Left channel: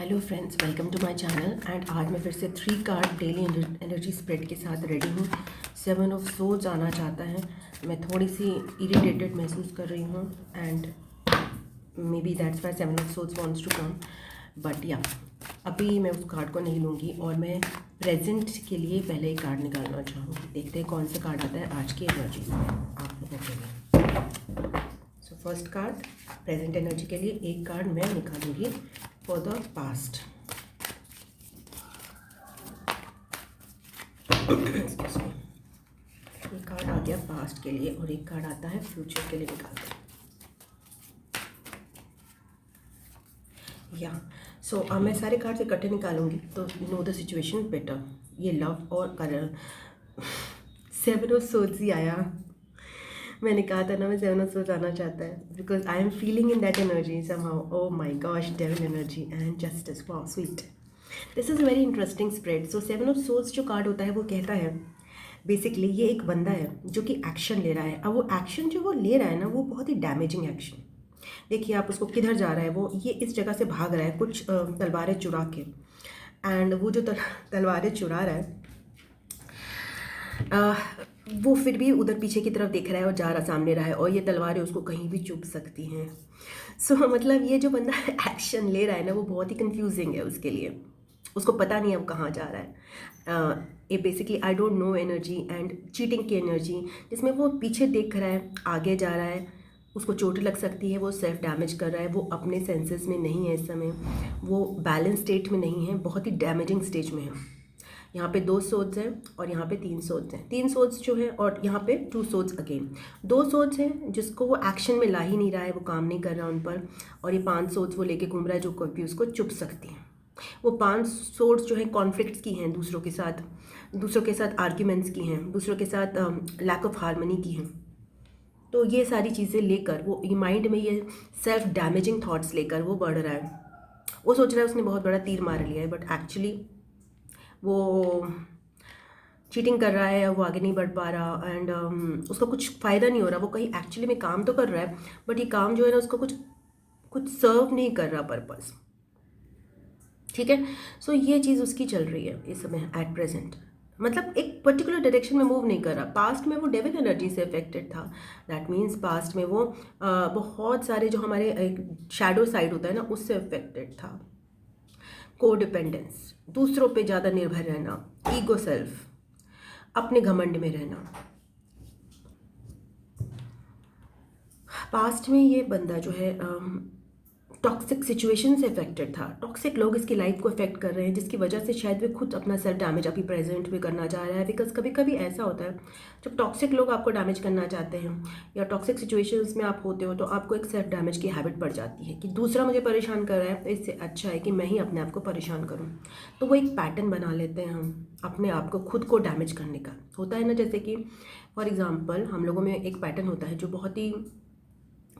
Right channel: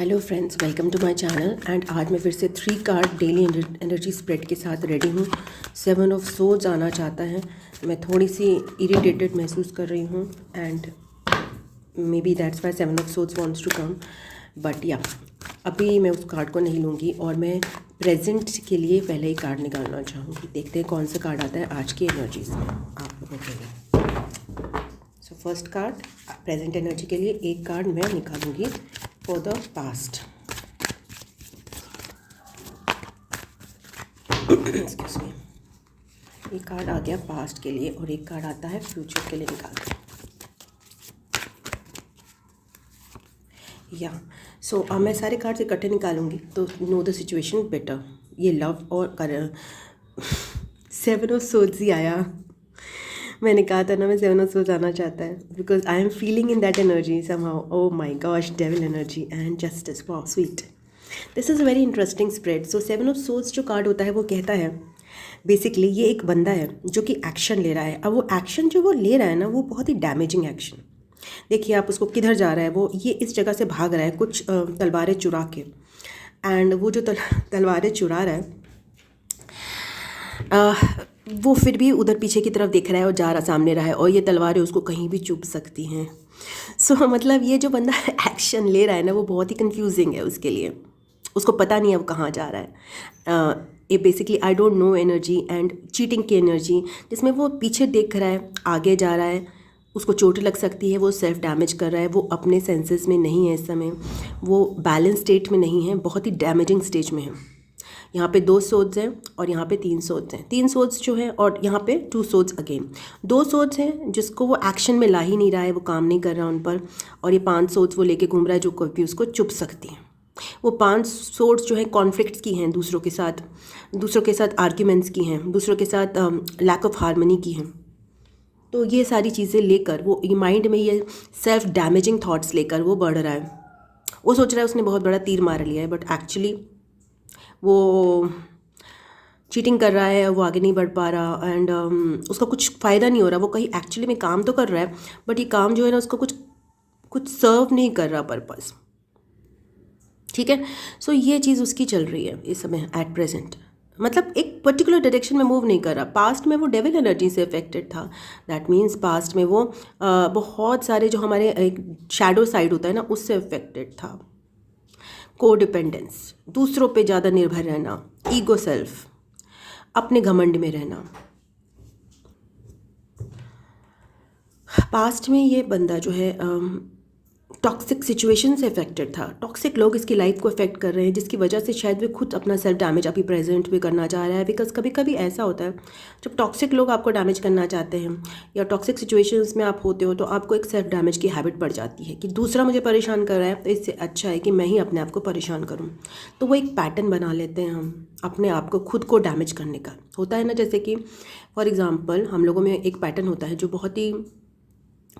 Hello friends, welcome to my channel. And आज मैं फिर से 3 कार्ड डेली एनर्जी स्प्रेड के साथ रेडी हूँ। 7 ऑफ सोर्ड्स आना चाहता है। मैं थोड़ी सी इरिटेटेड महसूस कर रही हूँ and maybe that's why 7 of swords wants to come, but या अभी मैं उस कार्ड को नहीं लूँगी और मैं प्रेजेंट के लिए पहले ही कार्ड निकालना चाहूँगी। देखते हैं कौन सा कार्ड आता है आज की एनर्जीज में आप लोगों के लिए। So first card present energy के लिए एक कार्ड मैं निकालूंगी for the past. Excuse me, ये कार्ड आ गया पास्ट के लिए और एक कार्ड आता है फ्यूचर के लिए। निकालते हैं या सो मैं सारे कार्ड्स इकट्ठे निकालूंगी तो नो द सिचुएशन बेटर। ये लव और 7 ऑफ सोर्ड्स ही आया। मैंने कहा था ना मैं 7 ऑफ सोर्ड्स आना चाहता है because I am feeling in that energy somehow. Oh my gosh, devil energy and justice, wow sweet. This is a very interesting spread. So 7 of swords जो कार्ड होता है वो कहता है बेसिकली ये एक बंदा है जो कि एक्शन ले रहा है। अब वो एक्शन जो वो ले रहा है ना वो बहुत ही डैमेजिंग एक्शन। देखिए आप उसको किधर जा रहा है, वो ये इस जगह से भाग रहा है कुछ तलवारें चुरा के। एंड वो जो तलवारें चुरा रहा है वो फिर भी उधर पीछे की तरफ देख रहा है और जा रहा सामने रहा है और ये तलवारें उसको कहीं भी चुभ सकती हैं। सो मतलब ये जो बंदा एक्शन ले रहा है ना वो बहुत ही कंफ्यूजिंग है उसके लिए। उसको पता नहीं अब कहाँ जा रहा है। ये basically I don't know energy and cheating की एनर्जी, जिसमें वो पीछे देख रहा है आगे जा रहा है, उसको चोट लग सकती है, वो सेल्फ डैमेज कर रहा है, वो अपने सेंसेस में नहीं है इस समय, वो बैलेंस स्टेट में नहीं है, बहुत ही डैमेजिंग स्टेज में है। यहाँ पे 2 सोर्ड्स हैं और यहाँ पे 3 सोर्ड्स हैं। 3 सोर्ड्स जो है और यहाँ पे 2 सोर्ड्स अगेन। 2 सोर्ड्स हैं जिसको वो एक्शन में ला ही नहीं रहा है, वो काम नहीं कर रहा उन पर। और ये 5 सोर्ड्स वो लेके घूम रहा है जो कोई भी उसको चुभ सकती हैं। वो 5 सोर्ड्स जो है कॉन्फ्लिक्ट्स की हैं, दूसरों के साथ आर्ग्यूमेंट्स की हैं, दूसरों के साथ लैक ऑफ हार्मनी की हैं। तो ये सारी चीज़ें लेकर वो माइंड में ये सेल्फ डैमेजिंग थाट्स लेकर वो बढ़ रहा है। वो सोच रहा है उसने बहुत बड़ा तीर मार लिया है, बट एक्चुअली वो चीटिंग कर रहा है, वो आगे नहीं बढ़ पा रहा एंड उसका कुछ फ़ायदा नहीं हो रहा। वो कहीं एक्चुअली में काम तो कर रहा है बट ये काम जो है ना उसको कुछ सर्व नहीं कर रहा पर्पस। ठीक है, सो ये चीज़ उसकी चल रही है इस समय एट प्रेजेंट। मतलब एक पर्टिकुलर डायरेक्शन में मूव नहीं कर रहा। पास्ट में वो डेविल एनर्जी से अफेक्टेड था। दैट मीन्स पास्ट में वो बहुत सारे जो हमारे एक शैडो साइड होता है ना उससे अफेक्टेड था। कोडिपेंडेंस, दूसरों पे ज़्यादा निर्भर रहना, ईगो सेल्फ, अपने घमंड में रहना। पास्ट में ये बंदा जो है टॉक्सिक सिचुएशन से अफेक्टेड था। टॉक्सिक लोग इसकी लाइफ को अफेक्ट कर रहे हैं जिसकी वजह से शायद वे खुद अपना सेल्फ डैमेज अभी प्रेजेंट में करना चाह रहा है। बिकॉज कभी कभी ऐसा होता है जब टॉक्सिक लोग आपको डैमेज करना चाहते हैं या टॉक्सिक सिचुएशंस में आप होते हो तो आपको एक सेल्फ डैमेज की हैबिट पड़ जाती है कि दूसरा मुझे परेशान कर रहा है तो इससे अच्छा है कि मैं ही अपने आप को परेशान करूँ। तो वो एक पैटर्न बना लेते हैं हम अपने आप को, खुद को डैमेज करने का। होता है ना, जैसे कि फॉर एग्ज़ाम्पल हम लोगों में एक पैटर्न होता है जो बहुत ही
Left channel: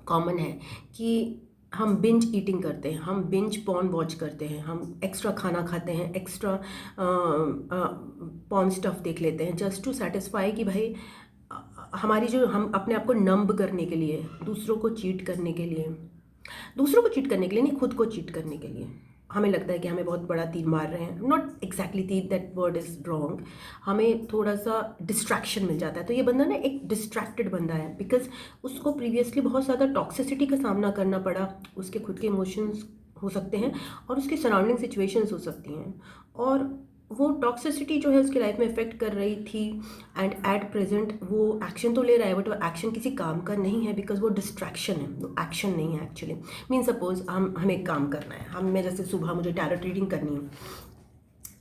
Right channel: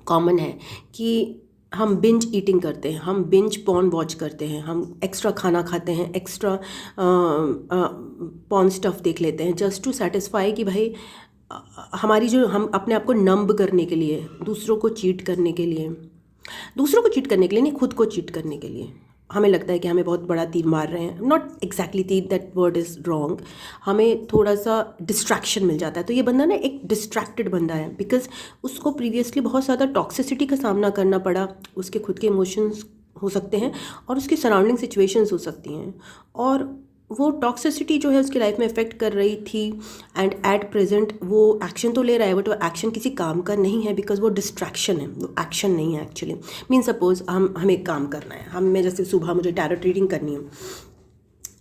कॉमन है कि हम बिंज ईटिंग करते हैं, हम बिंज पॉर्न वॉच करते हैं, हम एक्स्ट्रा खाना खाते हैं, एक्स्ट्रा पॉर्न स्टफ देख लेते हैं जस्ट टू सेटिस्फाई कि भाई हमारी जो हम अपने आप को नंब करने के लिए, दूसरों को चीट करने के लिए नहीं, खुद को चीट करने के लिए हमें लगता है कि हमें बहुत बड़ा तीर मार रहे हैं। नॉट एग्जैक्टली तीर, दैट वर्ड इज़ रॉन्ग। हमें थोड़ा सा डिस्ट्रैक्शन मिल जाता है। तो ये बंदा ना एक डिस्ट्रैक्टेड बंदा है बिकॉज उसको प्रीवियसली बहुत ज़्यादा टॉक्सिसिटी का सामना करना पड़ा। उसके खुद के इमोशंस हो सकते हैं और उसकी सराउंडिंग सिचुएशंस हो सकती हैं और वो टॉक्सिसिटी जो है उसकी लाइफ में इफेक्ट कर रही थी। एंड एट प्रेजेंट वो एक्शन तो ले रहा है बट वो एक्शन किसी काम का नहीं है बिकॉज वो डिस्ट्रैक्शन है, वो एक्शन नहीं है एक्चुअली। मीन सपोज हमें एक काम करना है, मैं जैसे सुबह मुझे टैरोट रीडिंग करनी है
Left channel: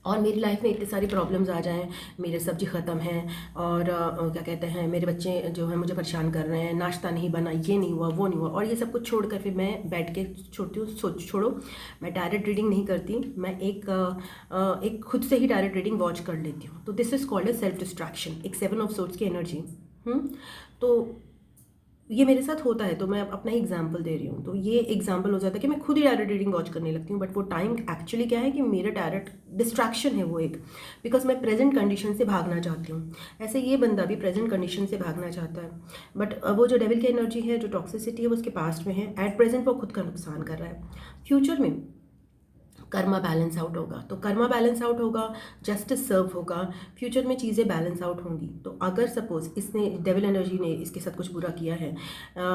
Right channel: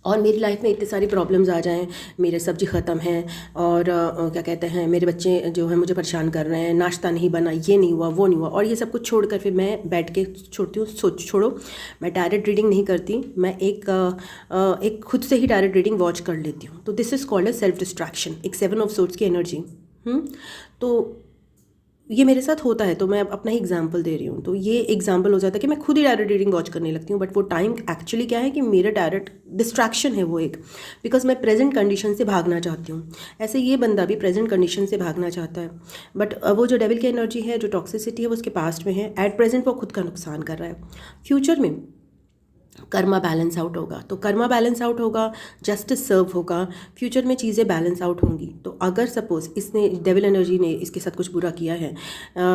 और मेरी लाइफ में इतनी सारी प्रॉब्लम्स आ जाएं, मेरे सब्जी ख़त्म है और क्या कहते हैं मेरे बच्चे जो हैं मुझे परेशान कर रहे हैं, नाश्ता नहीं बना, ये नहीं हुआ, वो नहीं हुआ, और ये सब कुछ छोड़कर फिर मैं बैठ के छोड़ती हूँ। छोड़ो, मैं टैरोट रीडिंग नहीं करती, मैं एक खुद से ही टैरोट रीडिंग वॉच कर लेती हूँ। तो this is called a self distraction, एक 7 ऑफ सोर्ड्स की एनर्जी। तो ये मेरे साथ होता है तो मैं अपना ही एग्जांपल दे रही हूँ। तो ये एग्जांपल हो जाता है कि मैं खुद ही टैरोट रीडिंग वॉच करने लगती हूँ बट वो टाइम एक्चुअली क्या है कि मेरा टैरोट डिस्ट्रैक्शन है वो एक, बिकॉज मैं प्रेजेंट कंडीशन से भागना चाहती हूँ। ऐसे ये बंदा भी प्रेजेंट कंडीशन से भागना चाहता है बट वो जो डेविल की एनर्जी है, जो टॉक्सिसिटी है वो उसके पास्ट में है। एट प्रेजेंट वो खुद का नुकसान कर रहा है। फ्यूचर में कर्मा बैलेंस आउट होगा। तो कर्मा बैलेंस आउट होगा, जस्टिस सर्व होगा, फ्यूचर में चीज़ें बैलेंस आउट होंगी। तो अगर सपोज़ इसने डेविल एनर्जी ने इसके साथ कुछ बुरा किया है,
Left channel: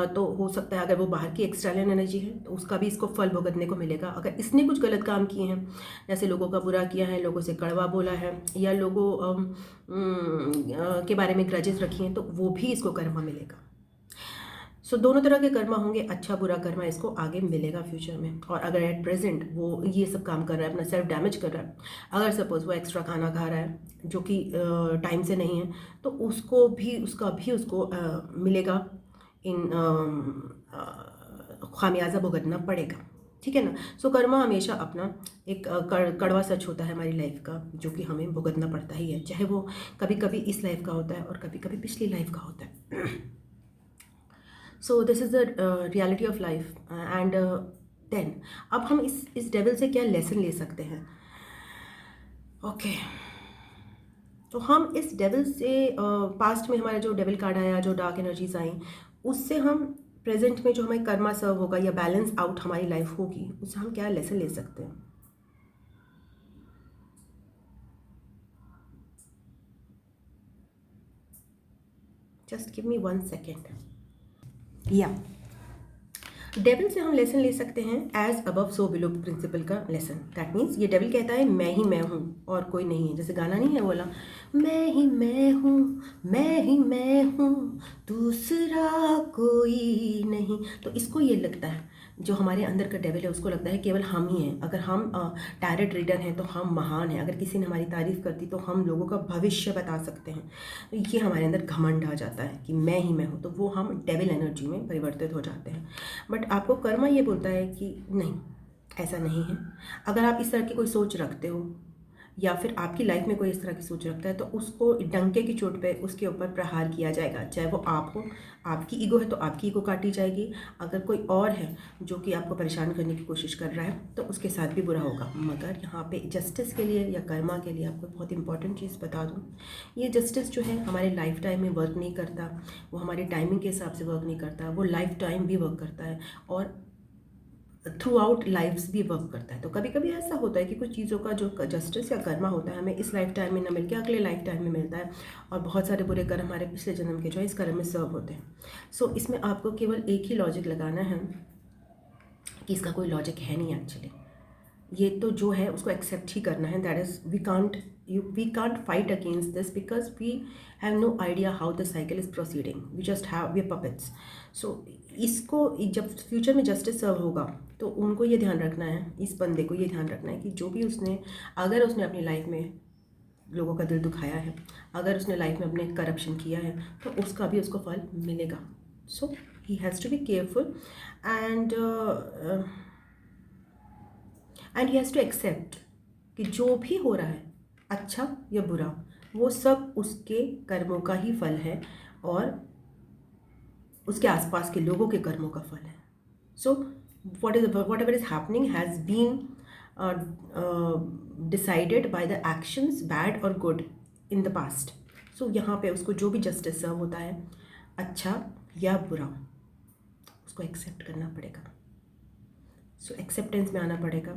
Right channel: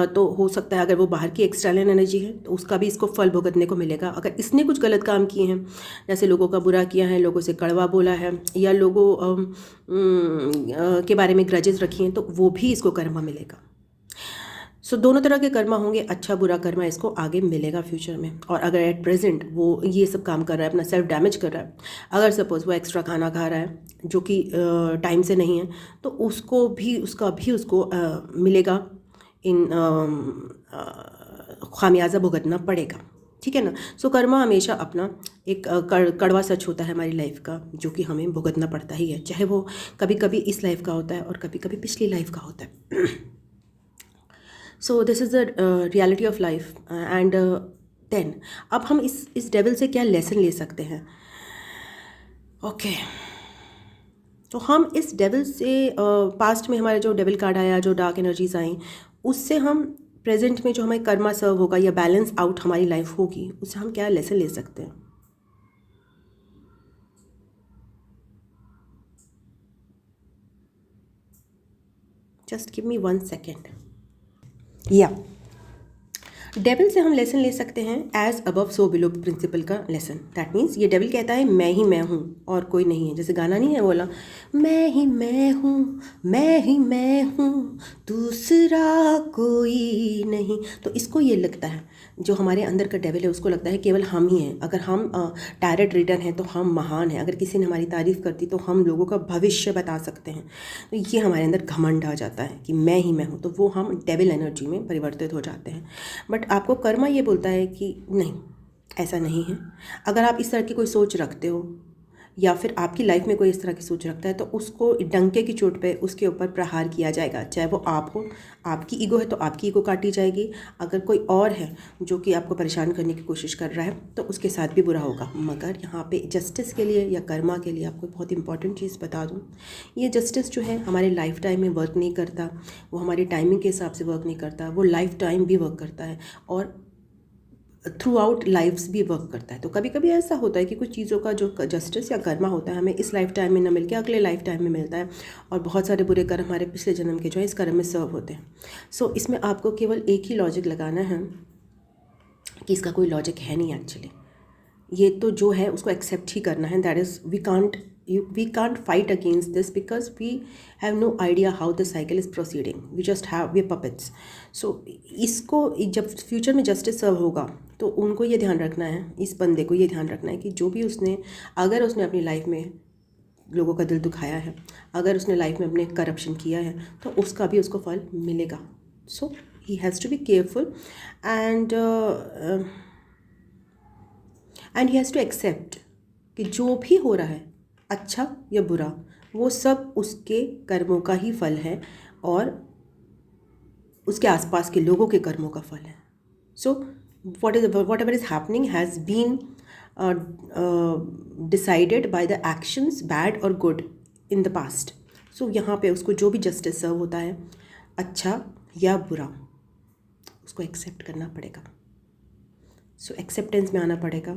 तो हो सकता है अगर वो बाहर की एक्सटर्नल एनर्जी है तो उसका भी इसको फल भुगतने को मिलेगा। अगर इसने कुछ गलत काम किए हैं, जैसे लोगों का बुरा किया है, लोगों से कड़वा बोला है, या लोगों के बारे में ग्रजेस रखी हैं, तो वो भी इसको कर्मा मिलेगा। सो दोनों तरह के कर्मा होंगे, अच्छा बुरा कर्मा इसको आगे मिलेगा फ्यूचर में। और अगर एट प्रेजेंट वो ये सब काम कर रहा है, अपना सेल्फ डैमेज कर रहा है, अगर सपोज़ वो एक्स्ट्रा खाना खा रहा है जो कि टाइम से नहीं है, तो उसको भी उसको मिलेगा, इन खामियाजा भुगतना पड़ेगा। ठीक है ना। सो कर्मा हमेशा अपना एक कड़वा सच होता है हमारी लाइफ का, जो कि हमें भुगतना पड़ता ही है, चाहे वो कभी कभी इस लाइफ का होता है और कभी कभी पिछली लाइफ का होता है। So this is the reality of life. And then अब हम इस डेविल से क्या लेसन ले सकते हैं? ओके, तो हम इस डेविल से पास्ट में हमारा जो डेविल कार्ड आया, जो डार्क एनर्जीज आई, उससे हम प्रेजेंट में जो हमें कर्मा सर्व होगा या बैलेंस आउट हमारी लाइफ होगी, उससे हम क्या लेसन ले सकते हैं? Just give me 1 second. या डेविल से हम लेसन ले सकते हैं as above so below principle का लेसन। दैट मीन्स ये डेविल कहता है मैं ही मैं हूँ और कोई नहीं है। जैसे गाना नहीं है बोला, मैं ही मैं हूँ, मैं ही मैं हूँ, दूसरा कोई नहीं। तो इसको ये लगता है, जो हमारे अंदर का डेविल है उसको लगता है केवल हम ही हैं। अगर हम टैरेट रीडर हैं तो हम महान हैं। अगर किसी ने हमारी तारीफ़ कर दी तो हम लोगों का भविष्य बता सकते हैं। तो ये हमारे अंदर घमंड आ जाता है कि मैं ही मैं हूँ, तो वो हम डेविल एनर्जी में परिवर्तित हो जाते हैं। बट आपको कर्मा ये बोलता है कि नहीं, ऐसा नहीं है। अगर आप इस तरह की कोई सोच रखते हो या फिर आपकी लाइफ में कोई इस तरह की सोच रखता है, तो उसको डंके की चोट पे उसके ऊपर प्रहार किया जाएगा। चाहे वो आप हो, आपकी ईगो है तो आपकी ईगो काटी जाएगी। अगर कोई और है जो कि आपको परेशान करने की कोशिश कर रहा है तो उसके साथ भी बुरा होगा। मगर यहाँ पे जस्टिस के लिए या कर्मा के लिए आपको बहुत इंपॉर्टेंट चीज़ बता दूँ, ये जस्टिस जो है हमारे लाइफ टाइम में वर्क नहीं करता, वो हमारी टाइमिंग के हिसाब से वर्क नहीं करता, वो लाइफ टाइम भी वर्क करता है और थ्रू आउट लाइफ्स भी वर्क करता है। तो कभी कभी ऐसा होता है कि कुछ चीज़ों का जो जस्टिस या कर्मा होता है हमें इस लाइफ टाइम में न मिल के अगले लाइफ टाइम में मिलता है, और बहुत सारे बुरे कर्म हमारे पिछले जन्म के जो है इस कर्म में सर्व होते हैं। सो इसमें आपको केवल एक ही लॉजिक लगाना है कि इसका कोई लॉजिक है नहीं एक्चुअली। ये तो जो है उसको एक्सेप्ट ही करना है। That is we can't fight against this because we have no idea how the cycle is proceeding, we just have we puppets. So इसको जब फ्यूचर में जस्टिस सर्व होगा तो उनको ये ध्यान रखना है, इस बंदे को ये ध्यान रखना है कि जो भी अगर उसने अपनी लाइफ में लोगों का दिल दुखाया है, अगर उसने लाइफ में अपने करप्शन किया है, तो उसका भी उसको फल मिलेगा। So he has to be careful and he has to accept कि जो भी हो रहा है अच्छा या बुरा, वो सब उसके कर्मों का ही फल है और उसके आसपास के लोगों के कर्मों का फल है। So whatever is happening has been decided by the actions bad और good in the past. So यहाँ पे उसको जो भी जस्टिस सर्व होता है, अच्छा या बुरा, उसको एक्सेप्ट करना पड़ेगा। सो एक्सेप्टेंस में आना पड़ेगा,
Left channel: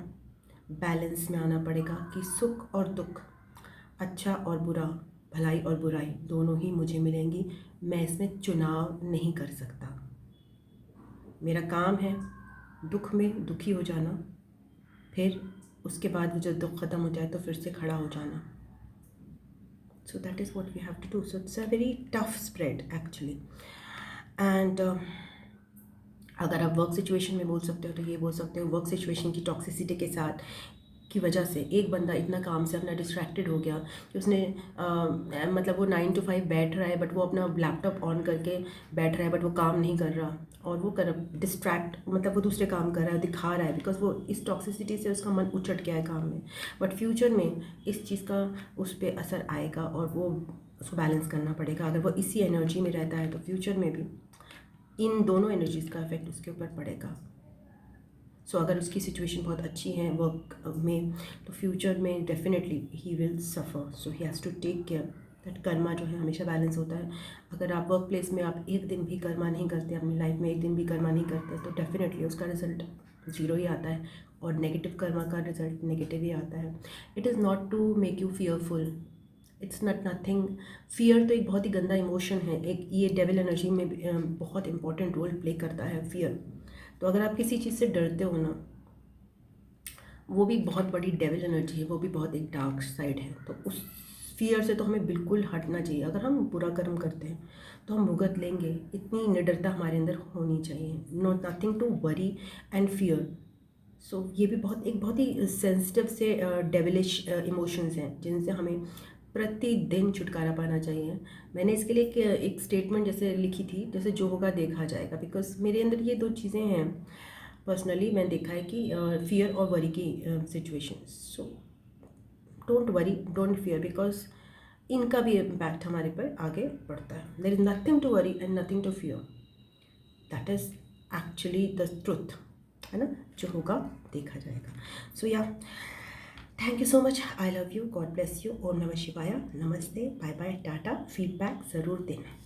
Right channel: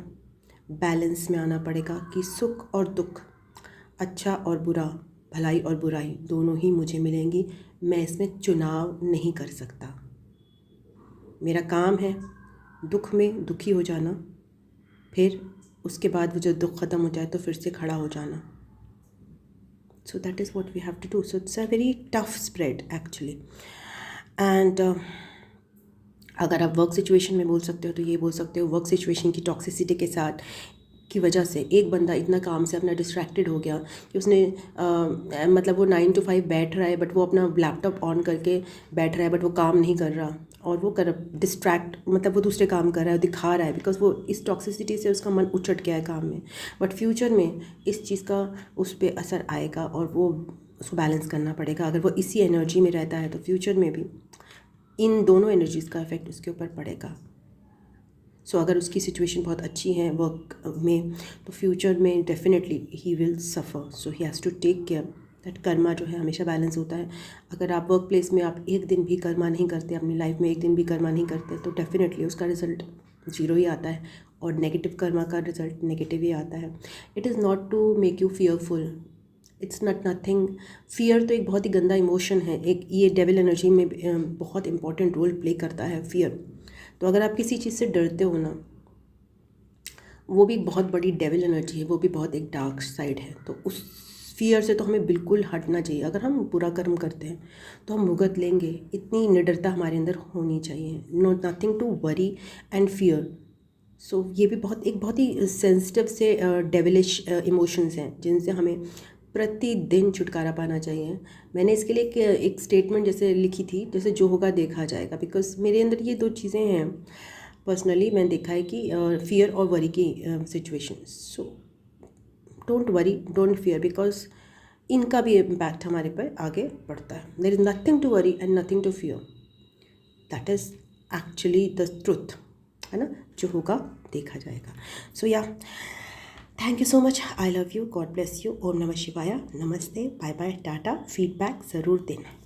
बैलेंस में आना पड़ेगा कि सुख और दुख, अच्छा और बुरा, भलाई और बुराई दोनों ही मुझे मिलेंगी। मैं इसमें चुनाव नहीं कर सकता। मेरा काम है दुख में दुखी हो जाना, फिर उसके बाद वो जब दुख ख़त्म हो जाए तो फिर से खड़ा हो जाना। So that is what we have to do. So it's a very tough spread actually. And अगर आप वर्क सिचुएशन में बोल सकते हो तो ये बोल सकते हो, वर्क सिचुएशन की टॉक्सिसिटी के साथ की वजह से एक बंदा इतना काम से अपना डिस्ट्रैक्टेड हो गया कि उसने मतलब वो 9 to 5 बैठ रहा है, बट वो अपना लैपटॉप ऑन करके बैठ रहा है, बट वो काम नहीं कर रहा, और वो डिस्ट्रैक्ट मतलब वो दूसरे काम कर रहा है, दिखा रहा है, बिकॉज वो इस टॉक्सिसिटी से उसका मन उचट गया है काम में। बट फ्यूचर में इस चीज़ का उस पर असर आएगा और वो उसको बैलेंस करना पड़ेगा। अगर वो इसी एनर्जी में रहता है तो फ्यूचर में भी इन दोनों एनर्जीज़ का इफेक्ट उसके ऊपर पड़ेगा। सो अगर उसकी सिचुएशन बहुत अच्छी है वर्क में, तो फ्यूचर में definitely he will suffer. So he has to take care that karma जो है हमेशा बैलेंस होता है। अगर आप वर्क प्लेस में आप एक दिन भी कर्मा नहीं करते, अपनी लाइफ में एक दिन भी कर्मा नहीं करते, तो डेफिनेटली उसका रिजल्ट ज़ीरो ही आता है और नेगेटिव कर्मा का रिजल्ट नेगेटिव ही आता है। It is not to make you fearful, it's not nothing. Fear तो एक बहुत ही गंदा इमोशन है, एक ये डेविल एनर्जी में बहुत इंपॉर्टेंट रोल प्ले करता है फियर। तो अगर आप किसी चीज़ से डरते हो ना, वो भी बहुत बड़ी डेविल एनर्जी है, वो भी बहुत एक डार्क साइड है। तो उस फियर से तो हमें बिल्कुल हटना चाहिए। अगर हम बुरा कर्म करते हैं तो हम भुगत लेंगे, इतनी निडरता हमारे अंदर होनी चाहिए। Not nothing to worry and fear. So ये भी बहुत ही सेंसिटिव से डेविलिश इमोशंस हैं जिनसे हमें प्रतिदिन छुटकारा पाना चाहिए। मैंने इसके लिए एक स्टेटमेंट जैसे लिखी थी, जैसे जो होगा देखा जाएगा, बिकॉज मेरे अंदर ये दो चीज़ें हैं। पर्सनली मैंने देखा है कि फियर और वरी की situation. So don't worry, don't fear, because इनका भी इम्पैक्ट हमारे पर आगे बढ़ता है। There is nothing to worry and nothing to fear, that is actually the truth, है ना। जो होगा देखा जाएगा। So yeah, thank you so much, I love you, God bless you, ओम नमः शिवाय, नमस्ते, बाय बाय, टाटा। फीडबैक ज़रूर देना।